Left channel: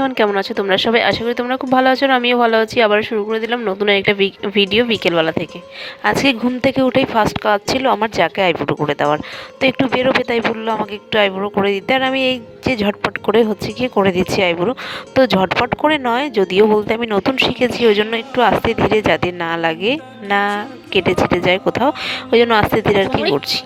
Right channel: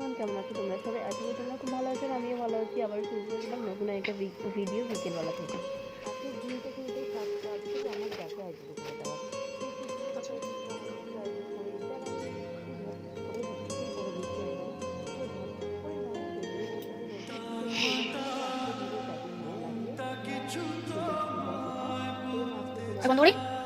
Everyone, কেমন আছো তোমরা সবাই? আশা করি তোমরা খুব ভালো আছো। আমিও ভালো আছি। আবার শুরু করে দিলাম নতুন একটা ভিডিও বিকেলবেলা থেকে। আজকে ঘুম থেকে উঠেই ফার্স্ট কাজ ছিল আমার যাকে আইব্রো করে দেওয়ার। তো একটু বেরোবে, তাই বললো আমাকে একটু আইব্রো করে দিতে। আর আমি এই যে ঝটপট করে হচ্ছে গিয়ে করে দিচ্ছি আইব্রো। তো ঝটপট করে নয়, যদিও বলতে আমি নতুন শিখেছি, ওই জন্য একটু আস্তে ধীরে, যাতে না লাগে, না কেটে ছেটে যায় কোথাও, ওই জন্য আস্তে ধীরে আর কি করছি।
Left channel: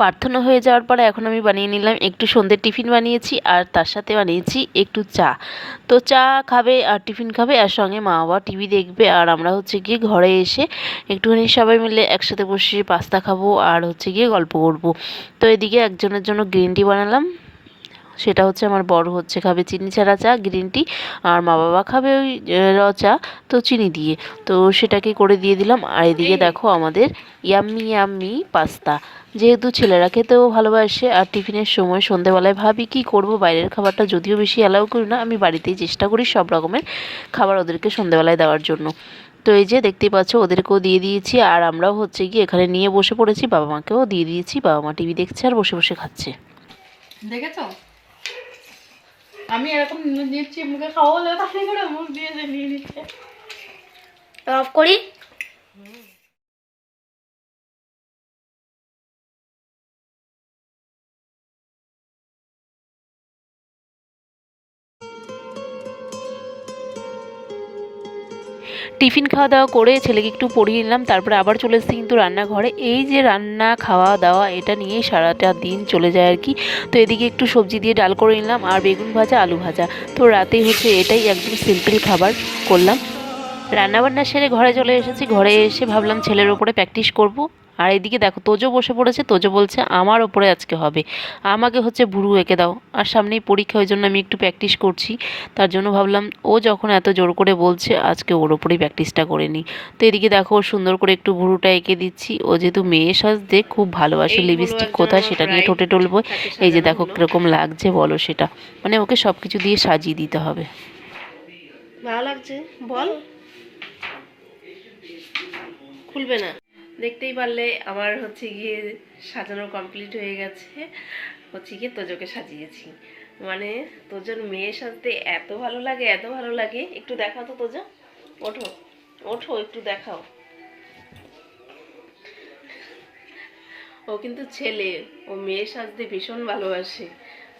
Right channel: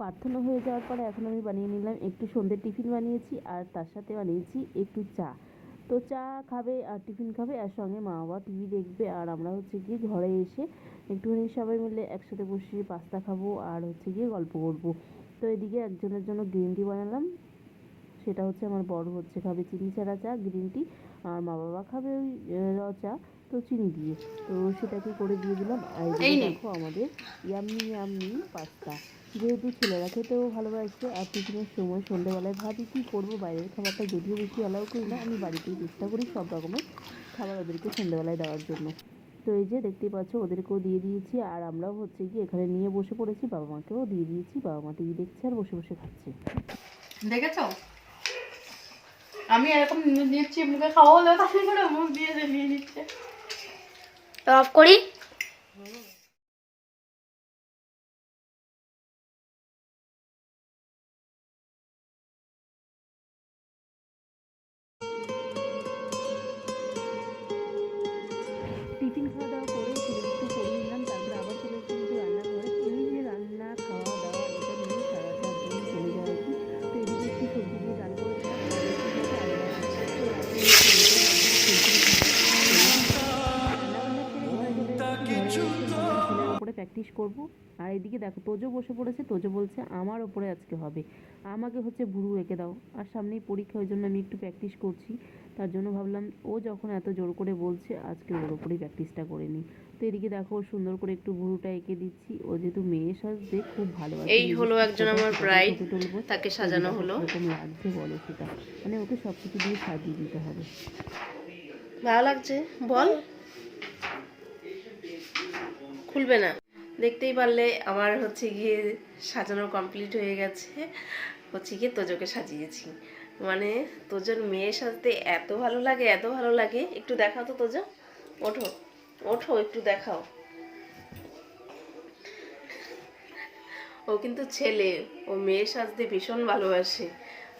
প্রার্থনা হয়ে যাওয়ার পরে এখন আমি বানিয়ে নিলাম একটু সন্ধ্যের টিফিন বানিয়েছি, আর তার সাথে বানিয়েছি একটু চা। তো চা খাবে আর টিফিন খাবে, আর সঙ্গে মা বাবা টিভি দেখবে, আর আমরা হচ্ছে গিয়ে ঘরে এসে একটুখানি সবাই মিলে একসাথে বসে পাস্তা খাবো আর হচ্ছে গিয়ে গল্প করবো। তো এদিকে একজনের জন্য গ্রিন টি বানালাম, সেটা হচ্ছে আমার বড় হচ্ছে খাবে চিনি ছাড়া চা, গ্রিন টি, আর মা বাবা খাবে ওই র চা, তো চিনি দিয়ে। তো সেটাকে করে দিয়ে দিলাম। আর এদিকে দেখো আমাদের ইয়াম্মি ইয়াম্মি পাস্তা, যেহেতু ছেলেরা খেতেও ভালোবাসে, আর টিফিনের সময় সন্ধেবেলায় ভাবি কি করব, বাইরের খাবারটা যদিও বেশি অ্যালাউ করি না, আমি বাড়িতেই চেষ্টা করি সব রকমের খাবার ওদেরকে সন্ধেবেলায় দেওয়ার জন্য। তো এই যে দেখতেই পাচ্ছ, ওদেরকেও দিয়ে দিয়েছি, আর আমরাও হচ্ছে কি এখানে নিয়ে বসে পড়েছি, বাবা মাকেও দিয়ে দিয়েছি। বাবা মা টিভি দেখছে আর বসে বসে খাচ্ছে। দেখেছো আমি এরকম নিচ্ছি, মুখে খাওয়া হলে তাহলে করে মুখ দিয়ে নিয়ে নিচ্ছে। অফ করি। টিফিন খাওয়া দাওয়া করে ছেলেকে একটু পড়িয়ে নিলাম, তারপরে আবার চলে এসেছি কিন্তু রান্নাঘরে। এই যে রান্না খাওয়া দাওয়া, এটা নিয়েই সারাটা দিন চলে যায় আর কি। তো এদিকে একটু সবজি দিয়ে ডাল করে নিলাম, আর বেগুন ভাজা, আলু ভাজা। তো রাতে হচ্ছে এটাই একদম সিম্পল খাবার করলাম। রান্নাবান্না সেরে ঘরে চলে এসেছি। ঘরে এসে ভাবলাম ছেলের ওপরে প্র্যাকটিস করব। আর এদিকে দেখো তোজো বসে পড়েছে। তোজো বলছে আমার ওপরে আজকে হবে, আমাকে হচ্ছে ভুরু এঁকে দাও। আর সামনেই পরীক্ষা, ওই জন্য আমি একটু প্র্যাকটিস করছি। তার জন্য ভাবলাম ও যখন এত জোর করে বলছে, আজকে ওর ওপরেই প্র্যাকটিসটা করে নিই। তো এদিকে দেখো ওর সুন্দর করে একটু ভুরুটা এঁকে দিচ্ছি। ও যেহেতু মেয়ে সাজতে খুব ভালোবাসে, লিপস্টিক কোথায় সেটা নিয়ে ঠোঁটে টলবো। এই যে দেখো কীরকম লাগছে বলো সেটা, মানে ওকে সব কিছু দিয়ে সাজিয়ে দিতে হবে। ভালো লাগছে বল, খুলবে না। দেখতেই পারলে আমার হচ্ছে গিয়ে সাজানো কমপ্লিট হয়ে গেছে। হচ্ছে গিয়ে তোজোকে সাজিয়েছি, মানে তোজোর মেয়ে সাজতে এত ভালো লাগে, এত ভালো লাগে। একটু দেখাও তো তোজো, ওঠো ওঠো একটু দেখাও। ও কিন্তু ছেলে, ও মেয়ে সাজতে ভীষণ ভালোবাসে,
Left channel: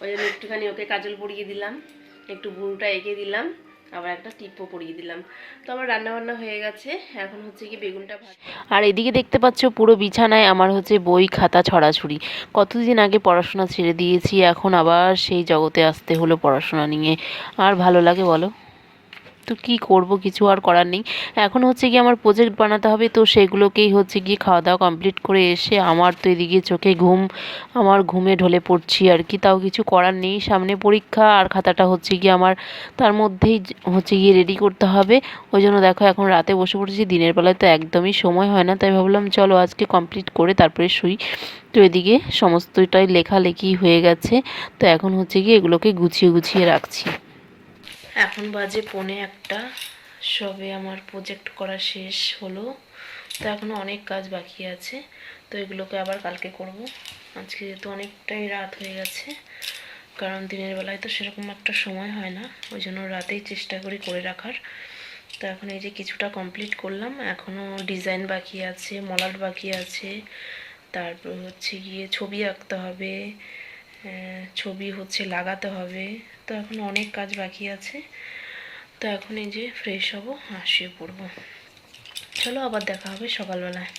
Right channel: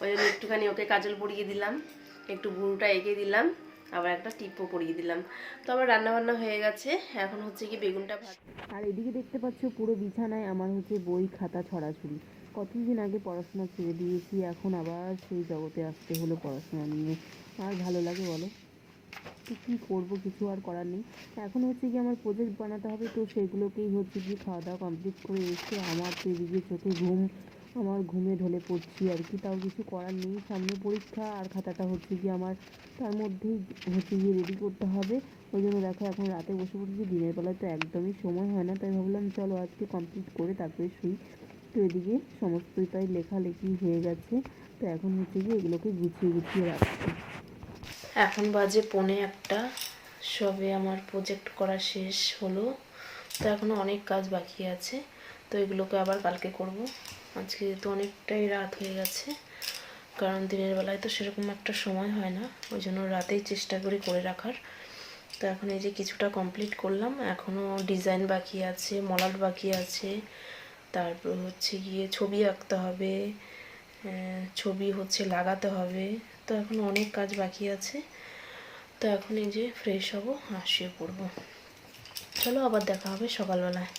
ওই জন্য একটুখানি ওকে কাজল পরিয়ে দিলাম, একটু ভুরুটা এঁকে দিলাম, আবার একটা টিপও পরিয়ে দিলাম। তো আমার রান্নাবান্না হয়ে গেছে, এখন হচ্ছে কি বেগুনটা ভাজ। আর এদিকে দেখতে পাচ্ছ পুরো বিছানায় আমার হচ্ছে বই খাতা ছড়াছড়ি। কতদিন আগে পড়াশোনা ছেড়ে দিয়েছি, এখন আবার সেই জগতে আসতে হলো পড়াশোনা নিয়ে। আর ভালো লাগে বলো? তো কী করব, কিছু আর করার নেই। এখন হচ্ছে গিয়ে আমার প্রজেক্ট বানাতে হবে, তো সেগুলোকেই হচ্ছে গিয়ে খাওয়া দাওয়া কমপ্লিট করে এসে আমার তো এদিকে চোখে ঘুম, আমার ঘুমে ঢলে পড়ছি আর কি। তাও কিছু করার নেই, সামনে পরীক্ষা, আর খাতাটা হচ্ছে গিয়ে আমার তার মধ্যেই হচ্ছে গিয়ে রেডি করতে হবে। ওই জন্য দেখো এখন রাতে বসে পড়েছি, দিনের বেলায় তো একদমই সময় হয় না, তাই ভাবলাম চলো আজকে কমপ্লিট করে তারপরে শুই। তো এদিকে সমস্তটাই লেখালেখি হয়ে গেছে, তো এখন হচ্ছে গিয়ে এগুলোকে গুছিয়ে গুছিয়ে রাখছি। এখন বাজে 1:45, সবে আমার প্রজেক্ট করা শেষ হলো। তো এখনও অনেক কাজ বাকি আছে, তো এগুলোকে আবার কালকে করব। আজকে যেহেতু অনেকটাই রাত হয়ে গেছে, কারণ দিনের বেলায় তো সেরকম একটা সময় হয় না, ওই জন্য রাতেই চেষ্টা করি করে রাখার। তো এখন এই যে কিছুটা কমপ্লিট করলাম, এখনও ডিজাইন বাকি আছে, মলাট বাকি আছে, তারপর হচ্ছে গিয়ে ছবি আঁকতে হবে, ছবি হচ্ছে লাগাতে হবে। তো এখন অনেক কাজ বাকি আছে। তো এখন এই যে ফ্রেশ হব আর শুয়ে পড়বো। চলো আবার দেখা হবে সকালবেলায়।